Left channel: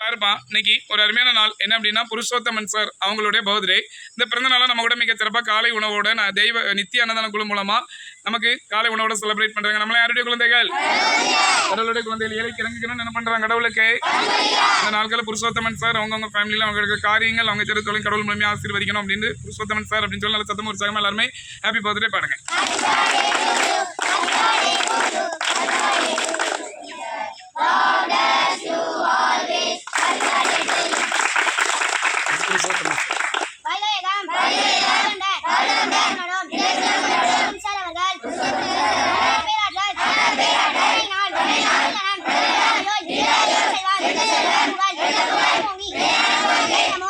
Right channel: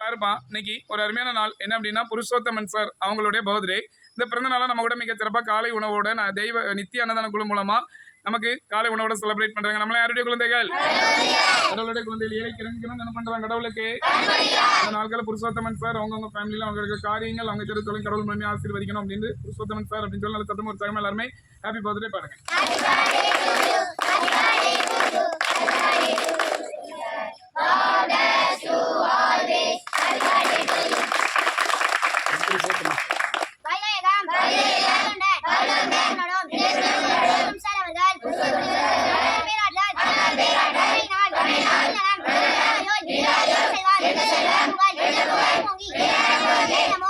பாருப்பா இன்னைக்கு ஒரு அருமையான நாள் என்ன அப்படின்னா புருஷோத்தமன் சார் அவங்களுடைய பர்த்டே. இந்த பிறந்த நாளை நம்ம கூட மிக சிறப்பாக காலை உணவோட நான் தெய்வ நித்திய அன்னதான குழு மூலமா நமக்கு காலை உணவோட செலிப்ரேட் பண்றாங்க. நம்மள யாருடைய குழந்தைகள்? கடவுளுடைய குழந்தைகள். ஏழைக்கு இறங்குகிறோம் என்ன பண்றாங்க கடவுளுக்கு? அந்த நாட்களில் புருஷோத்தமன் சார் அவங்கவுங்க ஃபேமிலியில் அவங்களுக்கு காரியங்கள் அவங்க தெரு தொழில் கடவுள் மூலமே ஆசீர்வதிக்கணும் அப்படின்னு புருஷோத்தமன் சார் அப்படின்னு சொல்லி நல்ல சத்தம் உற்சாகமா எல்லாருமே ஹாப்பி பர்த்டே பாருங்க. Namo